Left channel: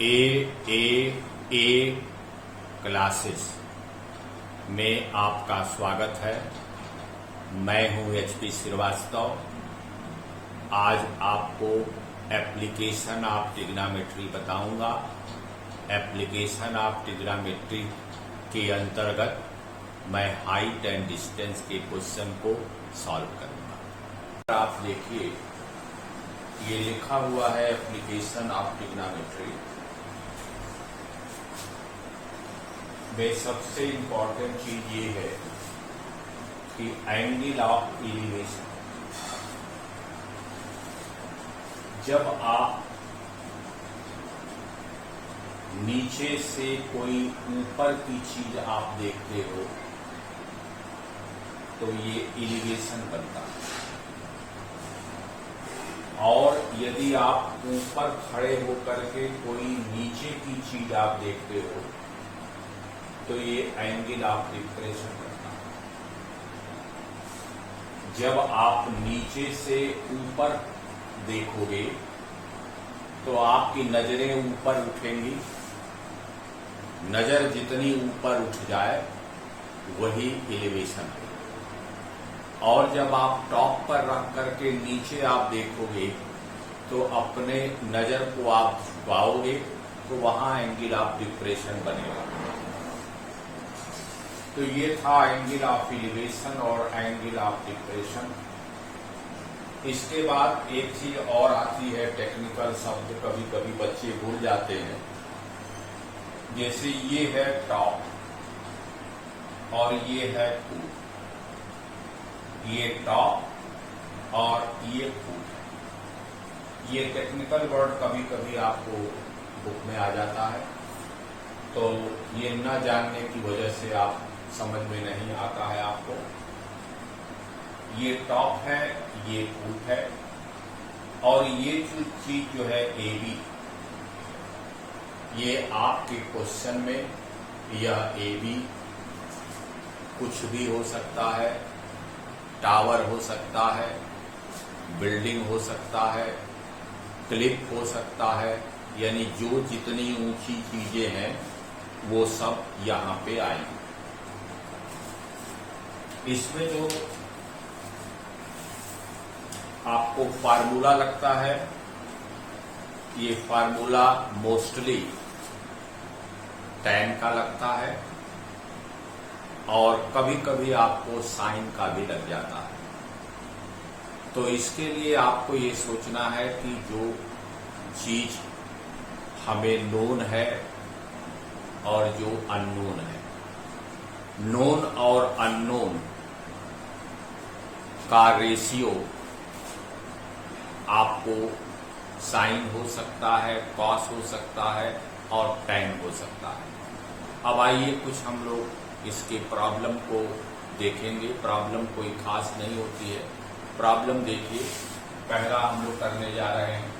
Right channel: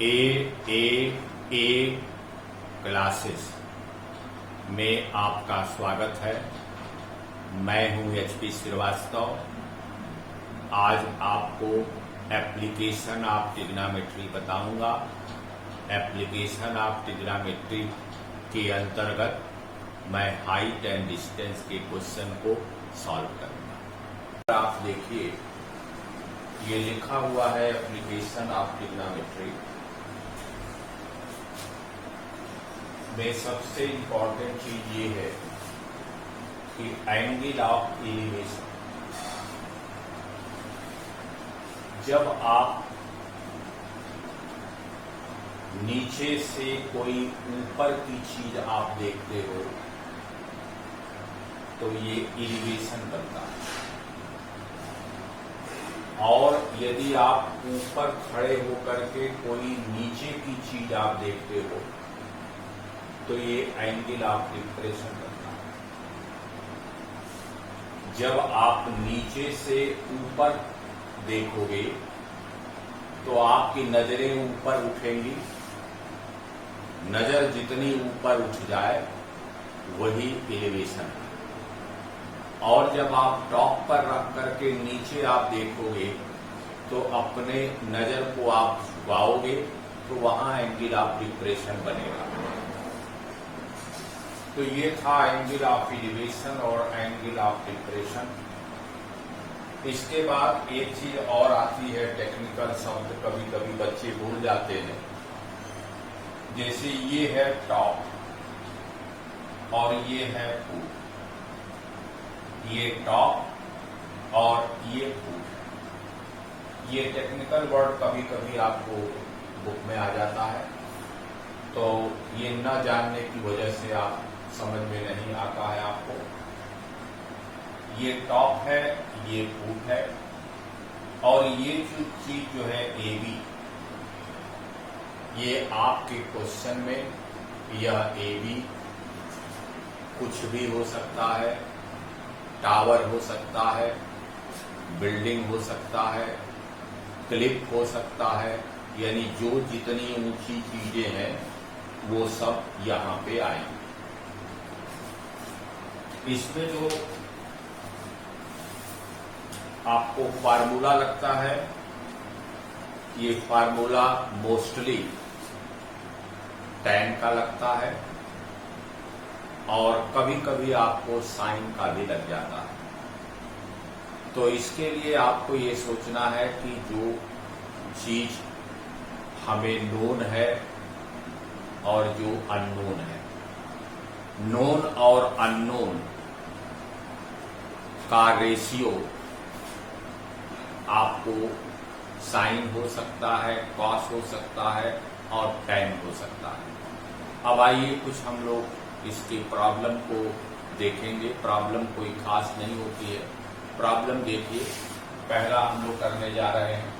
A classes में आपका स्वागत है। मैं हूं एचपी श्रीवास्तव। आज आपको एप्लीकेशन ऑफ ट्रिग्नोमेट्री बताऊंगा। एप्लीकेशन ऑफ ट्रिग्नोमेट्री के अंतर्गत मैं हाइट एंड डिस्टेंस के क्वेश्चन को सॉल्व करूंगा। आप देखिए, ये लिखा हुआ है एप्लीकेशन ऑफ ट्रिग्नोमेट्री में सबसे इम्पोर्टेंट चीज ये है कि एंगल ऑफ एलिवेशन। जब आप नीचे से कोई ऊपर की चीज आप देखते हो तो ये एलिवेशन बनता है, और यदि आप ऊपर खड़े होकर के कोई नीचे की चीज आप देखते हो तो ये एंगल ऑफ डिप्रेशन बनता है। जब आप नीचे से ऊपर देखोगे तो आपकी नजरें ऊपर उठेंगी। नजर जितनी ऊपर उठ जाए वही एलिवेशन है। और जब आप टॉप पर रख करके नीचे आप देखोगे तो अपने नजर को आप झुकाओगे तो वहां एंगल ऑफ डिप्रेशन बनेगा। तो ये था एंगल ऑफ एलिवेशन और एंगल ऑफ डिप्रेशन। इसके बाद एक चीज और आती है, टेक्निकल शब्द कभी कभी बच्चे भूल जाते हैं। जैसे ये है टॉप और ये है फूट। ये टॉप और ये फूट। ये टेक्निकल वर्ड कभी कभी आपको बुक में आ जाता है, तो ये न जानने की वजह से आप समझ में नहीं आता है आपको। ये टॉप है, ये फूट है, और ये जो चीज जो है AB, ये आपके क्वेश्चन में यह AB कुछ भी हो सकता है। टावर हो सकता है, बिल्डिंग हो सकता है, क्लिप हो सकता है, यानी जो जितनी ऊंची चीजें हैं वो सब यहां पे आएंगी। इसमें जो आपको फार्मूला लगता है, ये फार्मूला मोस्टली tan का लगता है, और कभी कभी आपको साइन का भी लग जाता है। तो इसके लिए आपको ये सोचना है कि जो चीज हमें नोन है और जो अननोन है, नोन और अननोन का रेशियो आपको साइन हो सकता है, कॉस हो सकता है और tan हो सकता है। अब आइए कुछ हम लोग इसके प्रॉब्लम को देखेंगे। प्रॉब्लम कोई खास नहीं होती है। प्रॉब्लम देखिए, पहला हम लोग करने जा रहे हैं।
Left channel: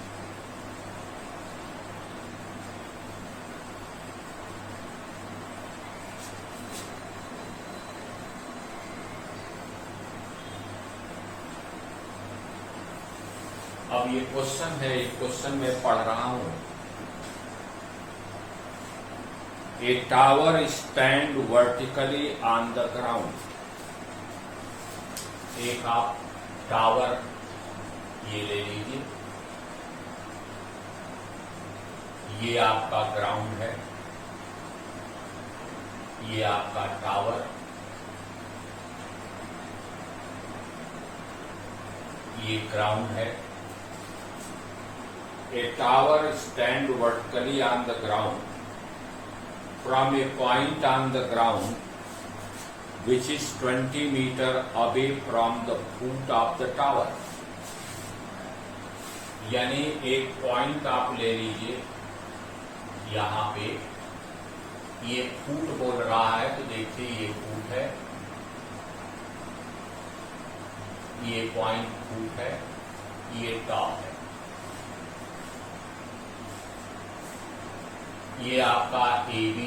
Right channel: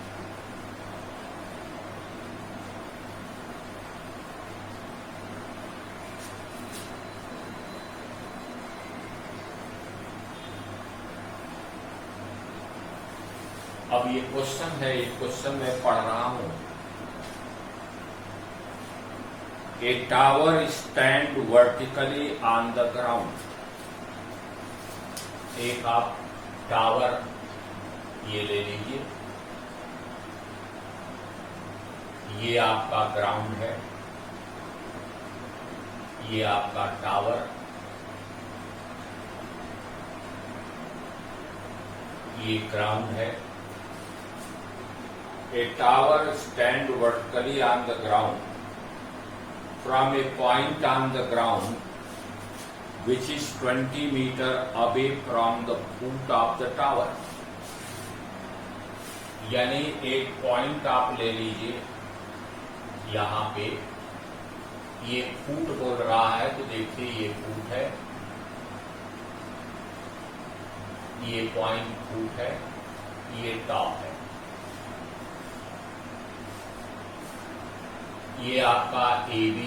अब ये क्वेश्चन है, ये क्वेश्चन मैं पढ़ रहा हूं। A tower stand vertically on the ground। एक आप टावर ये ले लीजिए, ये आपका ग्राउंड है, ये आपका टावर, ये ग्राउंड है। A tower stand vertically on the ground from a point on the ground which is 20 meter away from the foot of the tower। यानी एक पॉइंट आप ले लीजिए, यहां पे ये फूट बोल रहा है, तो देखिए ये फूट है, ये पॉइंट फूट है, ये टॉप है। ये आपका AB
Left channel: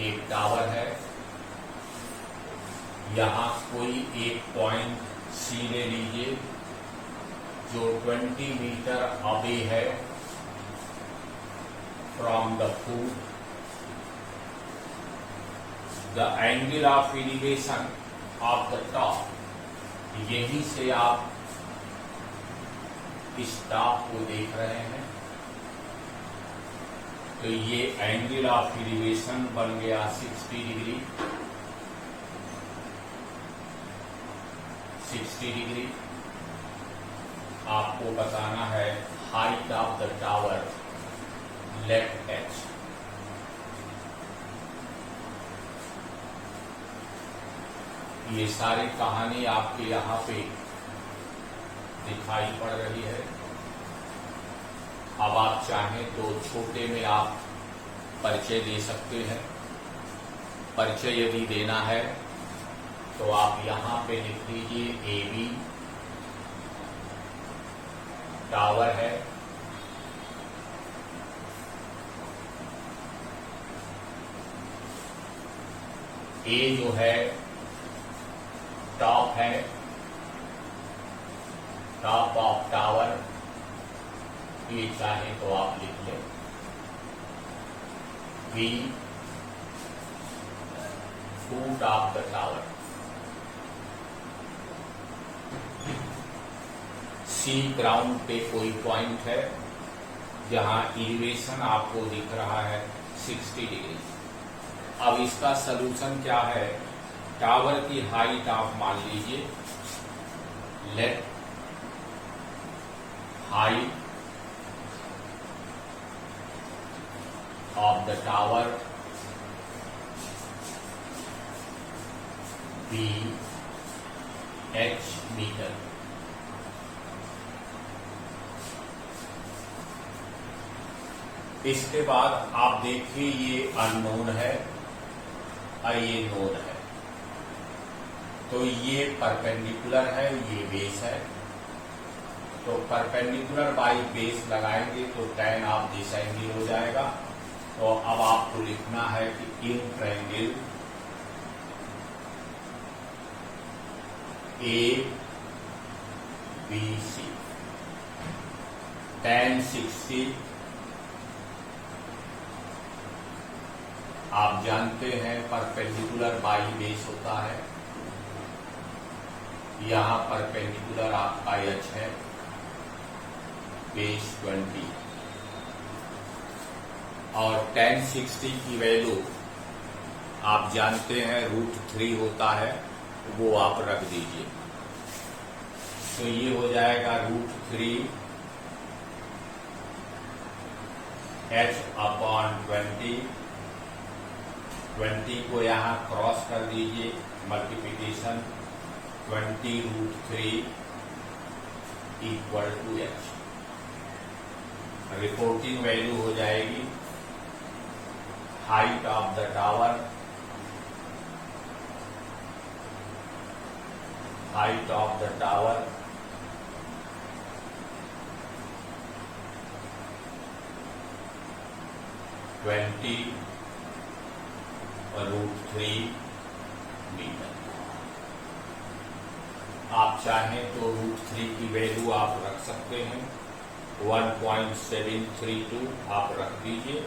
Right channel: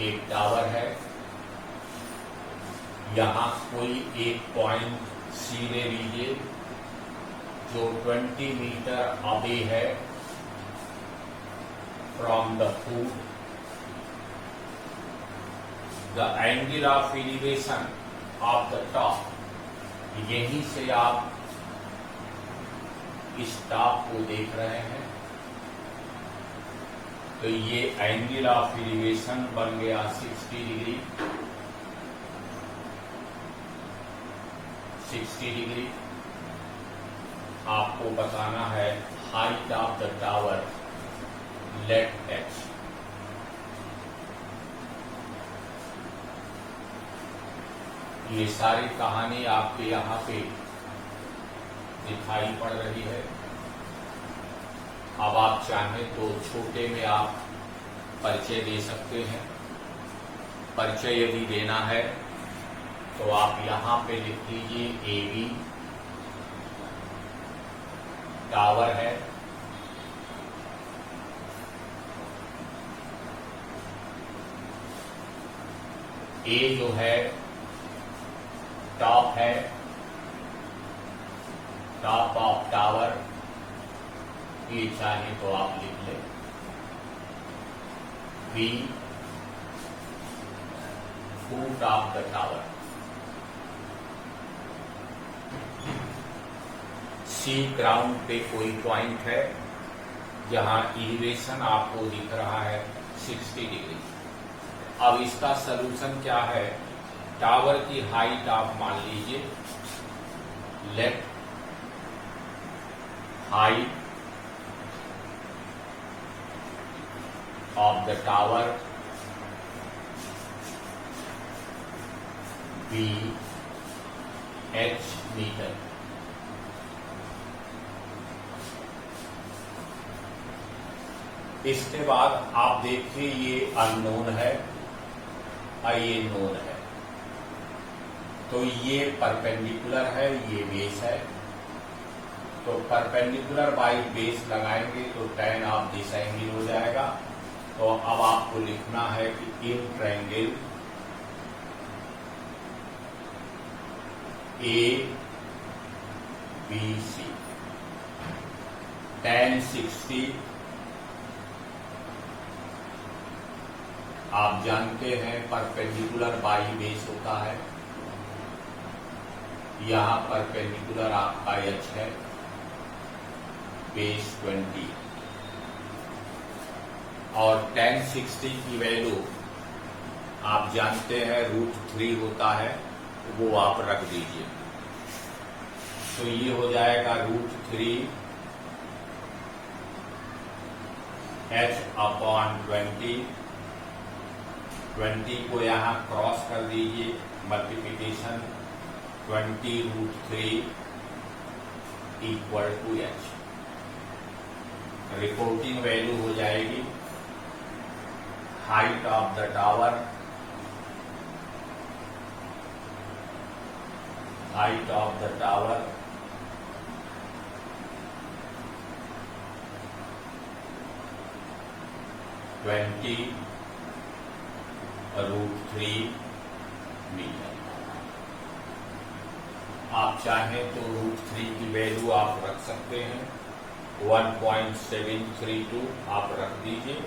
एक टावर है। यहां कोई एक पॉइंट C ले लीजिए जो 20 मीटर अवे है from the foot. The angle of elevation of the top. यहीं से आप इस टॉप को देख रहे हैं, तो ये एंगल ऑफ एलिवेशन बन गया 60 डिग्री। 60 डिग्री आपको बताना है height of the tower let H. ये सारी कहानी आपके यहाँ पे दिखाई पड़ रही है। अब आप चाहें तो छोटे में आप परिचय दे सकते हैं। परिचय यदि देना है तो आप यहाँ पे लिख लीजिए AB टावर है, A जो है टॉप है, टॉप ऑफ टावर, ये चाहे तो आप लिख लें। B foot of the tower. C ground पे कोई पॉइंट है जहां एलिवेशन आपको दिख रहा है 60 डिग्री। अब इसका सलूशन क्या है? टावर की हाइट आप मान लीजिए, let height of the tower be h metre. इसके बाद आप देखिए ये अननोन है और ये नोन है, तो ये परपेंडिकुलर है, ये बेस है। तो परपेंडिकुलर बाई बेस लगाएंगे तो tan ऑफ दिस एंगल हो जाएगा। तो अब आपको लिखना है कि इन ट्रायंगल ABC tan 60 आप जानते हैं परपेंडिकुलर बाई बेस होता है। यहां परपेंडिकुलर आपका h है, बेस 20 और tan 60 की वैल्यू आप जानते हैं √3 होता है, वो आप रख दीजिए। तो ये हो जाएगा √3 h/20। 20 को यहाँ क्रॉस कर दीजिए, multiplication 20√3 equal to h। Reporting value हो जाएगी height of the tower, height of the tower √3 metre. आप चाहें तो √3 की वैल्यू आप रख सकते हैं, 1.732 आप रख दीजिए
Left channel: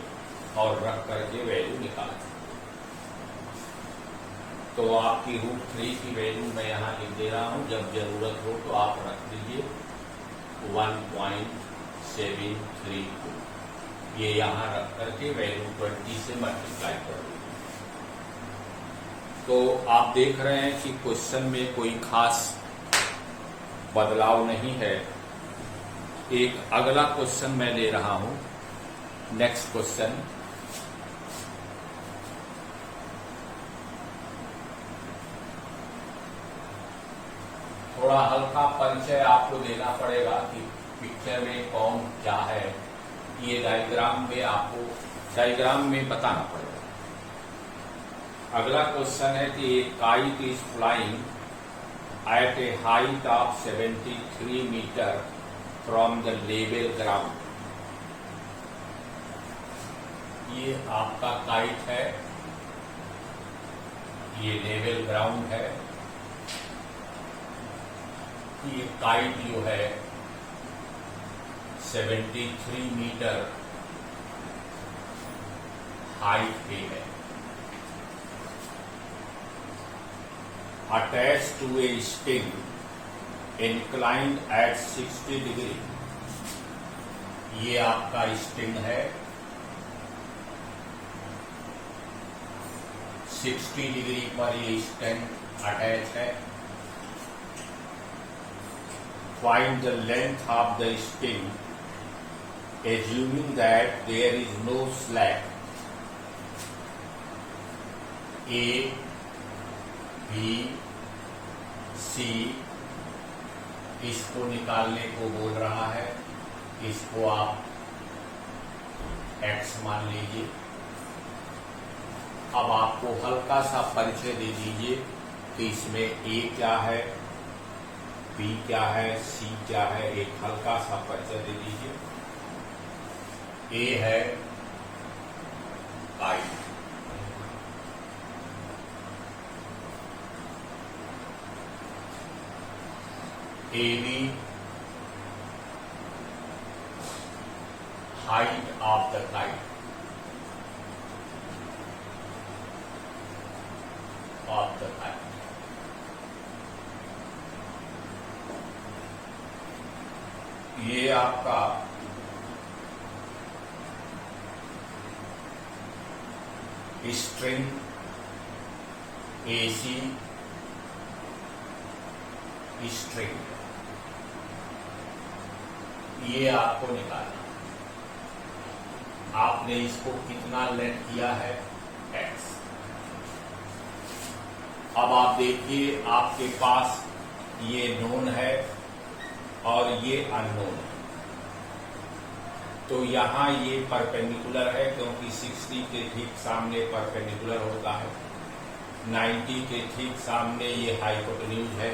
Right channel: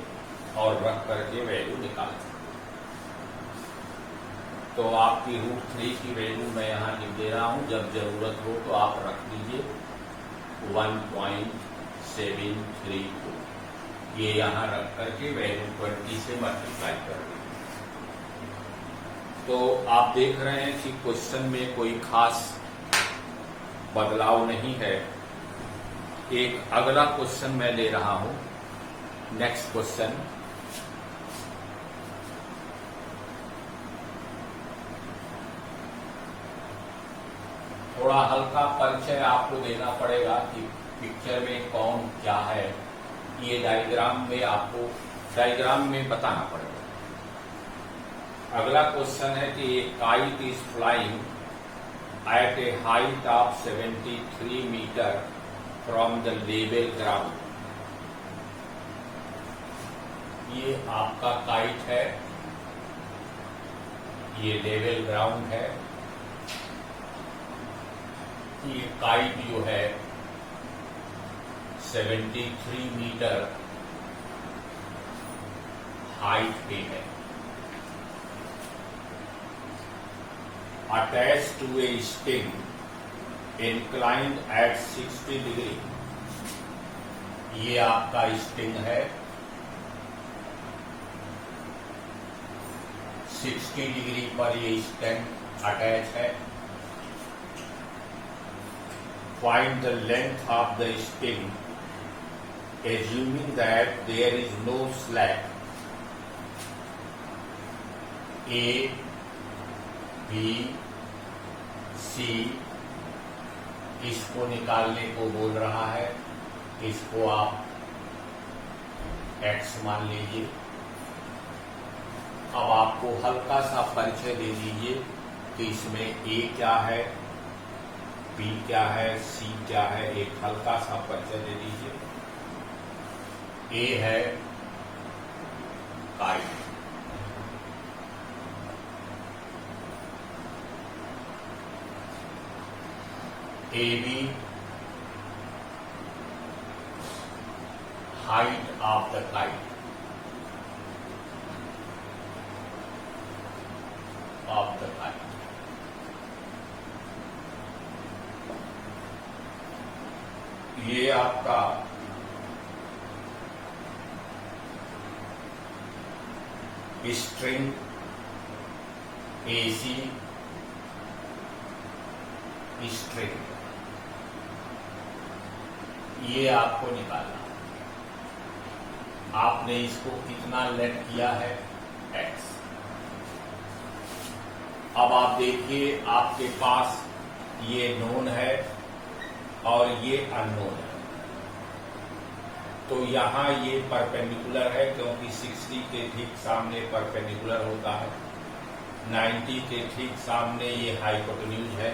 और रख करके वैल्यू निकाल सकते हैं। तो आपकी √3 की वैल्यू मैं यहाँ लिख दे रहा हूँ, जब जरूरत हो तो आप रख दीजिए 1.732। ये यहाँ रख करके वैल्यू 20 से मल्टीप्लाई कर दीजिए। तो आप देख रहे हैं कि क्वेश्चन में कोई खास बदलाव नहीं है। एक अगला क्वेश्चन मैं ले रहा हूं, नेक्स्ट क्वेश्चन। थोड़ा हल्का परिचय आपको देना पड़ेगा कि पिक्चर में कौन क्या है, ये डायग्राम में आपको डायग्राम में बताना पड़ेगा। अगला क्वेश्चन है कि a kite is flying at a height of 73 metre from the level ground. ये आपका काइट है, ये लेवल ग्राउंड है। ये काइट जो है 73 मीटर हाइट पे है। Attach to a string inclined at 60 degree, ये आपका स्टिंग है, 60 डिग्री पर ये स्टिंग अटैच है। Find the length of the string, assuming that there is no slack. A, B, C इसको निकालने को बोल रहा है, इसको आप X मान लीजिए। अब आपको हल्का सा परिचय दे दीजिए कि इसमें A क्या है, B क्या है, C क्या है, एक हल्का सा परिचय दे दीजिए। A है kite, AB height of the kite, ये आपका स्ट्रिंग AC स्ट्रिंग, ये आपको निकालना। आपने इसको कितना लेट किया है, X। अब आप देखिए आपके पास ये नोन है और ये अननोन है, तो यहां ये परपेंडिकुलर है क्योंकि 60 के ठीक सामने परपेंडिकुलर होता है, 90 के ठीक सामने ये हाइपोटेन्यूज है,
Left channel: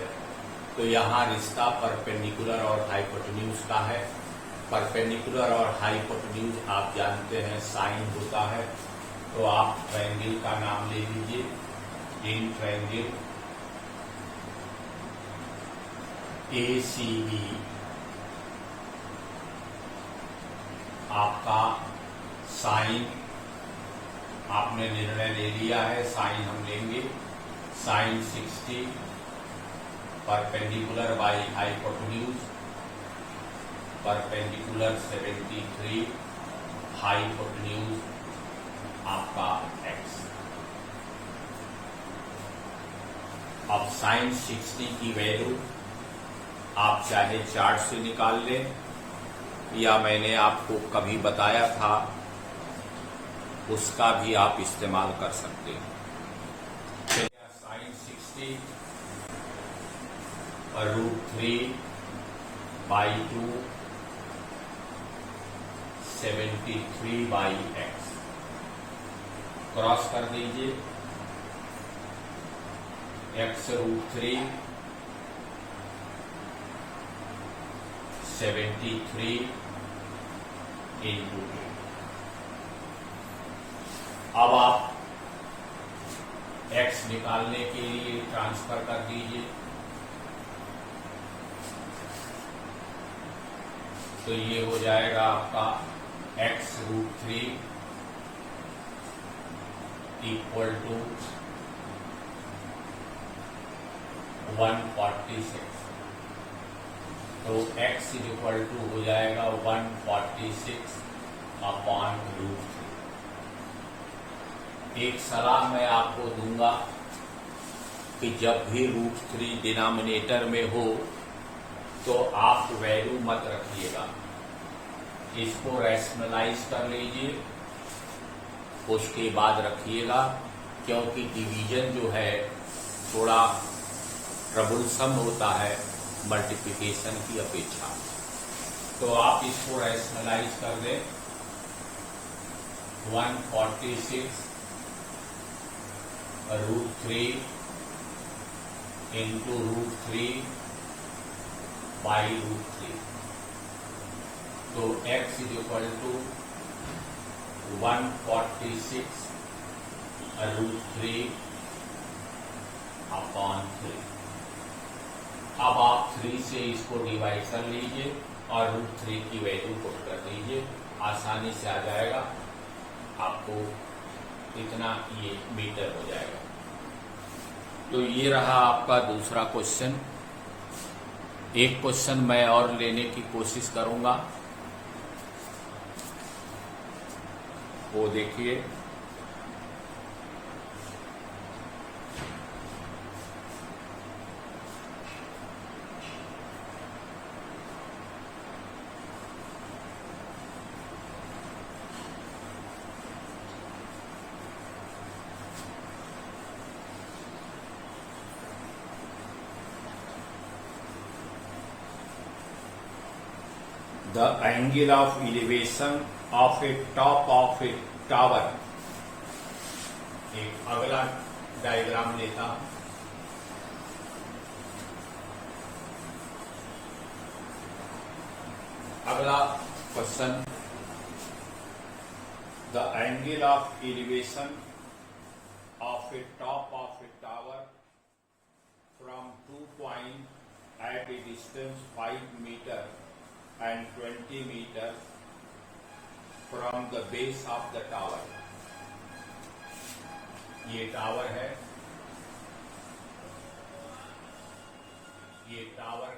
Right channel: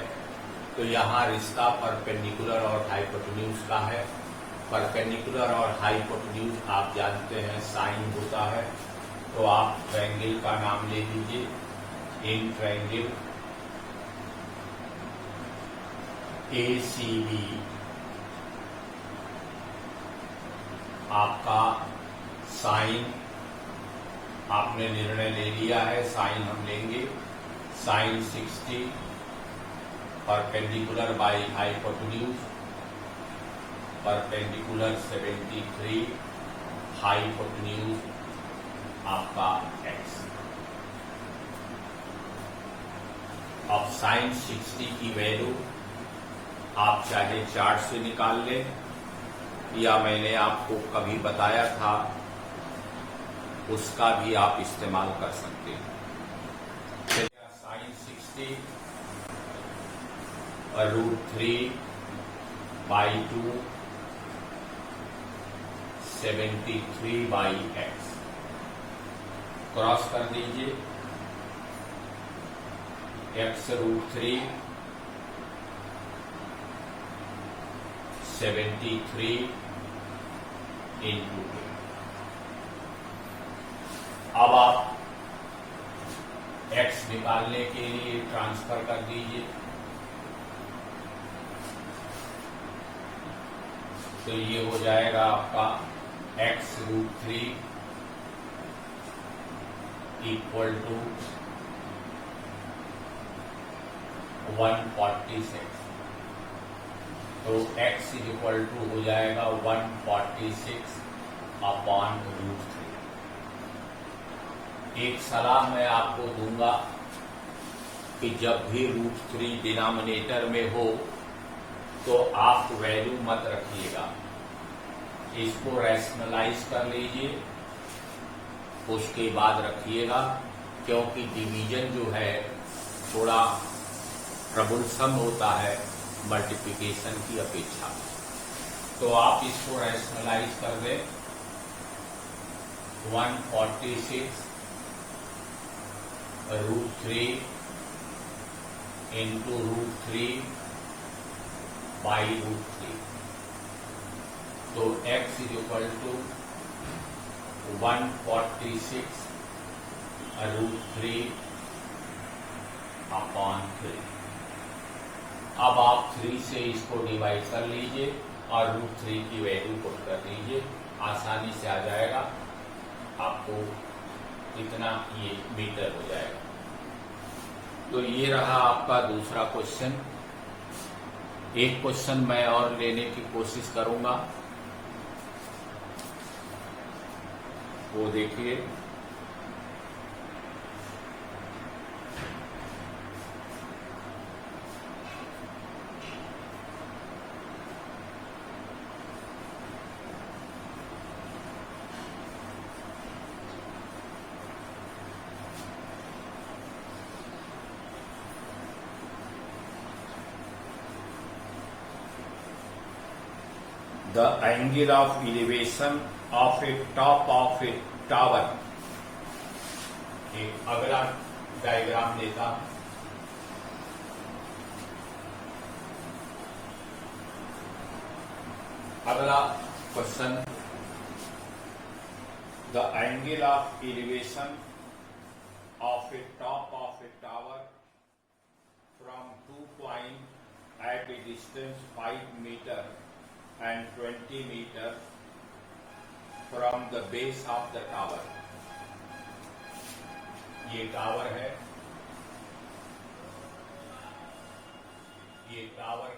तो यहां रिश्ता परपेंडिकुलर और हाइपोटेन्यूज का है। परपेंडिकुलर और हाइपोटेन्यूज आप जानते हैं साइन होता है, तो आप ट्रायंगल का नाम ले लीजिए, इन ट्रायंगल ACB आपका साइन, आपने निर्णय ले लिया है, साइन हम लेंगे, sine 60 perpendicular by hypotenuse, perpendicular 73 hypotenuse आपका X। अब साइन 60 की वैल्यू आप चाहे चार्ट से निकाल लें या मैंने आपको कभी बताया था उसका भी आप इस्तेमाल कर सकते हैं। Sine 60 √3 by 2 73 by X, cross कर दीजिए, X √3 73 इंटू 2। अब आप X निकालने के लिए ट्रांसफर कर दीजिए, तो ये हो जाएगा आपका X √3 इक्वल टू 146, तो X इक्वल टू हो जाएगा 146 अपॉन √3। एक सलाह मैं आपको दूंगा कि जब भी √3 डिनोमिनेटर में हो तो आप वैल्यू मत रखिएगा, इसको रैशनलाइज कर लीजिए, उसके बाद रखिएगा, क्योंकि डिवीजन जो है थोड़ा ट्रबलसम होता है मल्टीप्लिकेशन की अपेक्षा। तो आप इसको रैशनलाइज कर दें, 146 √3 इंटू √3 बाई √3, तो X is equal to 146 √3 upon 3। अब आप 3 से इसको डिवाइड कर लीजिए और √3 की वैल्यू पुट कर दीजिए, आसानी से आ जाएगा। आपको इतना ये मीटर हो जाएगा। तो ये रहा आपका दूसरा क्वेश्चन। एक क्वेश्चन मैं और लेने की कोशिश करूंगा, वो देखिए। The angle of elevation of a top of a tower। एक अगला डायग्राम देता हूं। अगला question, the angle of elevation of a top of a tower from 2 points at a distance 5 meter and 20 meter from the base of the tower। ये tower है, ये tower है।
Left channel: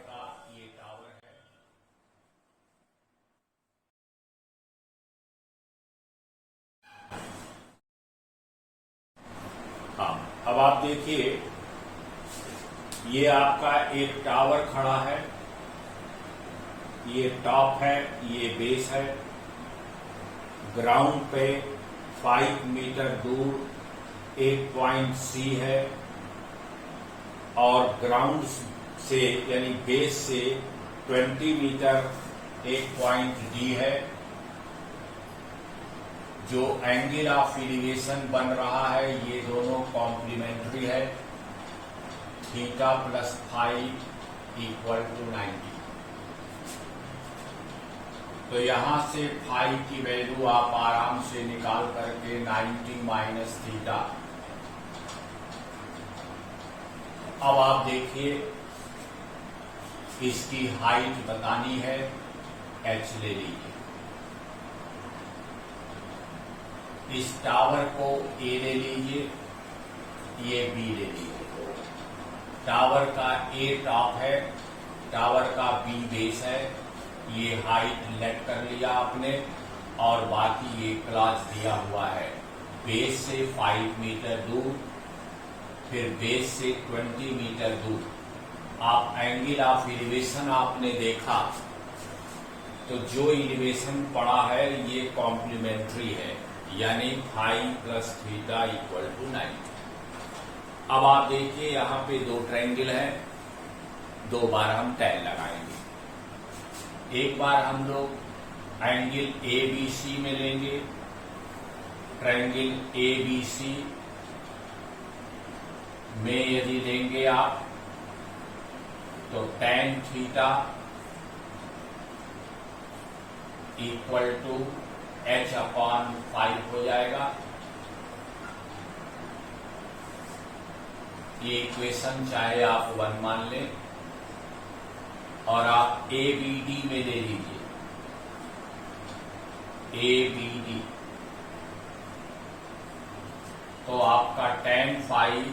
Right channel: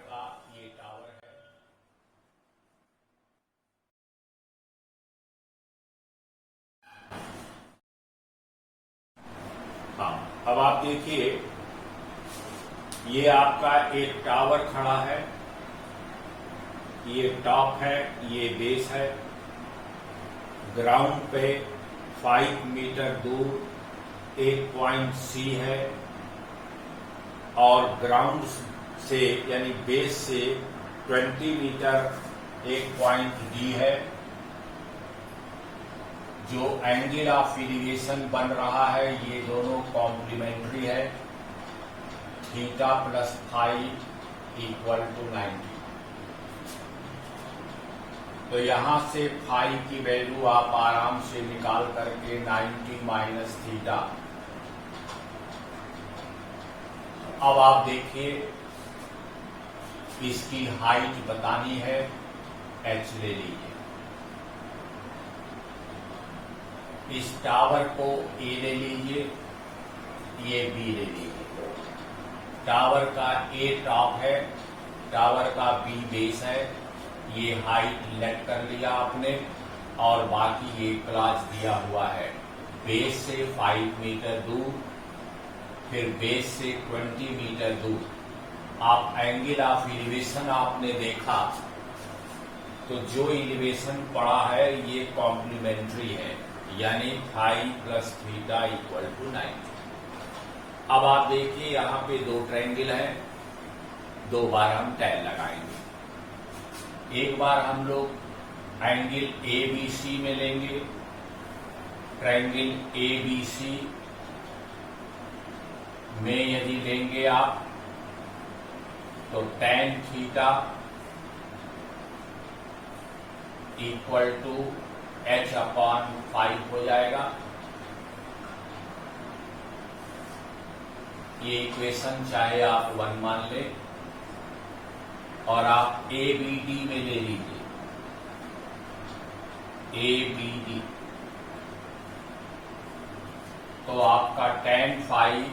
हाँ, अब आप देखिए, ये आपका एक टावर खड़ा है, ये टॉप है, ये बेस है। ग्राउंड पे 5 मीटर दूर एक पॉइंट सी है और ग्राउंड से यानी बेस से 20 मीटर एक पॉइंट डी है। जो एंगल ऑफ एलिवेशन बन रहा है ये दोनों कॉम्प्लीमेंट्री है। Theta plus five equal to 90। तो यहां से फाई की वैल्यू आप आराम से निकाल करके 90 माइनस थीटा। अब आप देखिए, इसकी हाइट बतानी है, h ले लीजिए। इस टावर को a ले लीजिए, ये b ले लीजिए। टावर का a टॉप है, टावर का b बेस है। ये हाइट लेट कर लिया आपने और बाकी ये क्लास दिया हुआ है। बेस से 5 मीटर दूर, फिर बेस से 20 मीटर दूर। आप एंगल ऑफ एलिवेशन आपने देखा, तो जो एलिवेशन पड़ा है ये कॉम्प्लीमेंट्री है, यानी five plus theta equal to 90। अब आप देखिए, यहाँ पे दो ट्रायंगल हैं, 2 बार हम टैन लगाएंगे। एक बार हम लोग एंगल ABC में लेंगे। ट्रायंगल ABC में यदि लेंगे आप तो tan theta equal to h/5 हो जाएगा। ये इक्वेशन चाहे आप 1 मान लें और आप ABD में ले लीजिए। ABD तो आपका tan five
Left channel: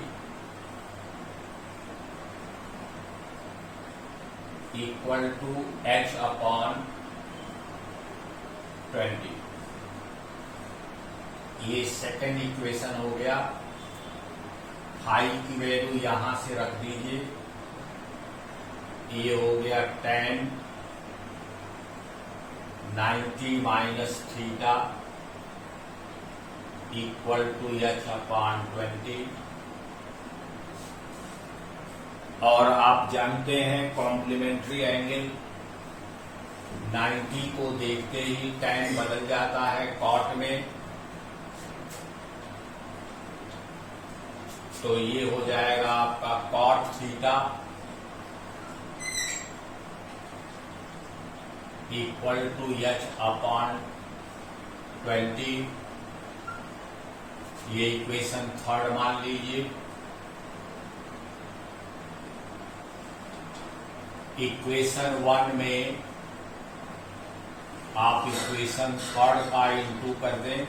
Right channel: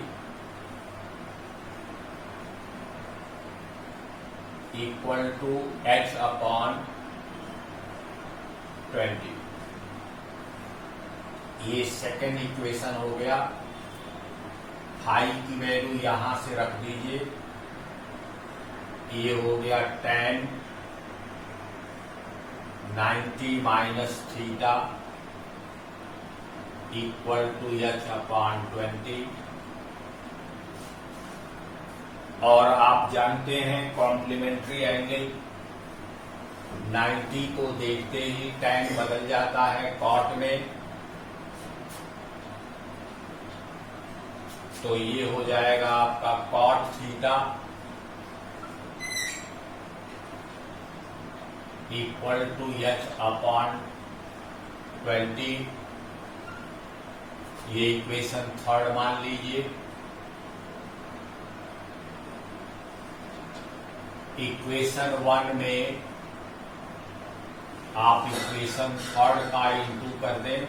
equal to h/20। ये सेकेंड इक्वेशन हो गया। फाई की वैल्यू यहां से रख दीजिए। ये हो गया tan 90 minus theta equal to h/20। और आप जानते हैं कॉम्प्लीमेंट्री एंगल 90 को देखते ही tan बदल जाता है cot में। तो ये हो जाएगा आपका cot theta equal to h/20। ये इक्वेशन थर्ड मान लीजिए। इक्वेशन 1 में आप इक्वेशन थर्ड का इंटू कर दें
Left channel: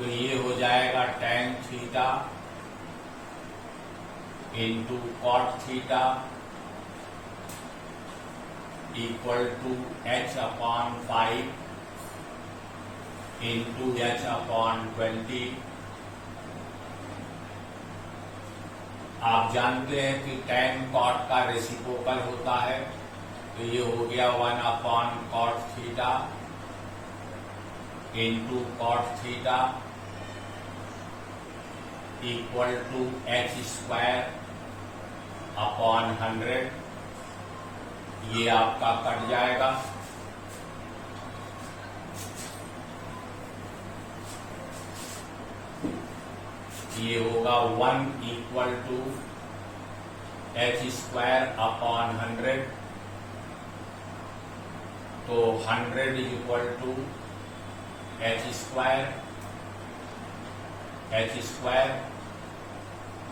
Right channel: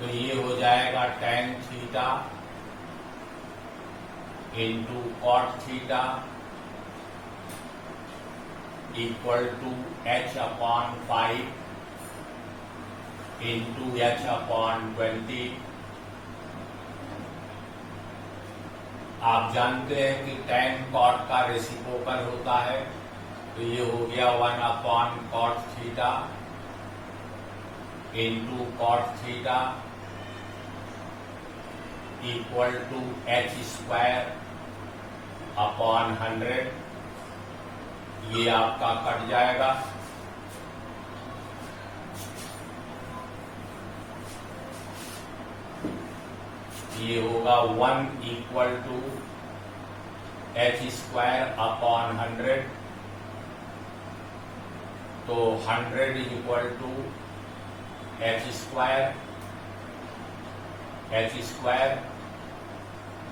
तो ये हो जाएगा tan theta into cot theta equal to h upon 5 into h upon 20। आप जानते हैं कि tan cot का रेसिप्रोकल होता है, तो ये हो गया 1 upon cot theta into cot theta equal to h square upon 100। ये आपका कट जाएगा, ये होगा 1 equal to h square upon 100। तो 100 equal to h square,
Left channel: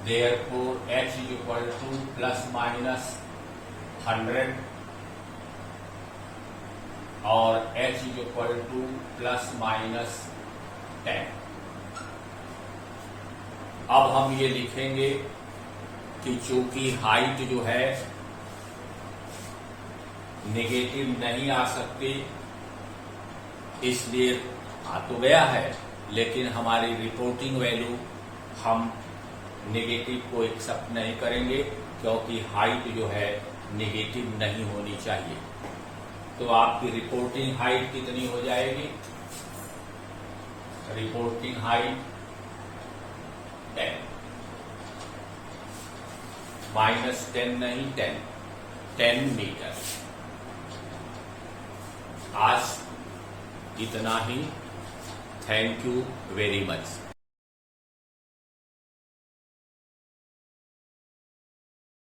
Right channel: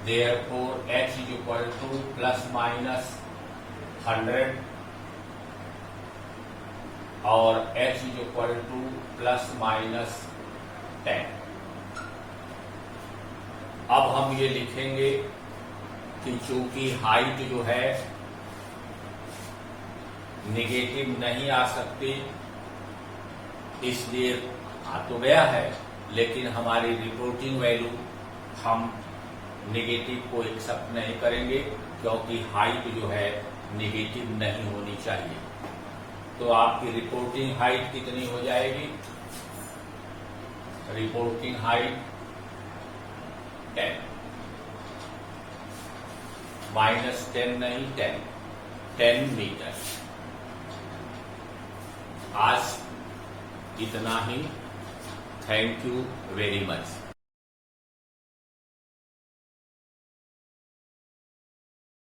therefore h is equal to plus minus 100 और h is equal to plus minus 10। अब हम ये लिखेंगे कि चूंकि हाइट जो है नेगेटिव नहीं आ सकती, इसलिए आ तो गया है, लेकिन हमारी रिपोर्टिंग वैल्यू हम नेगेटिव को एक्सेप्ट नहीं करेंगे, क्योंकि हाइट जो है नेगेटिव नहीं होनी चाहिए। तो आपकी रिपोर्टिंग हाइट कितनी हो जाएगी? रिपोर्टिंग हाइट 10 माइनस 10 नहीं 10 मीटर। आज इतना ही। Thank you very much.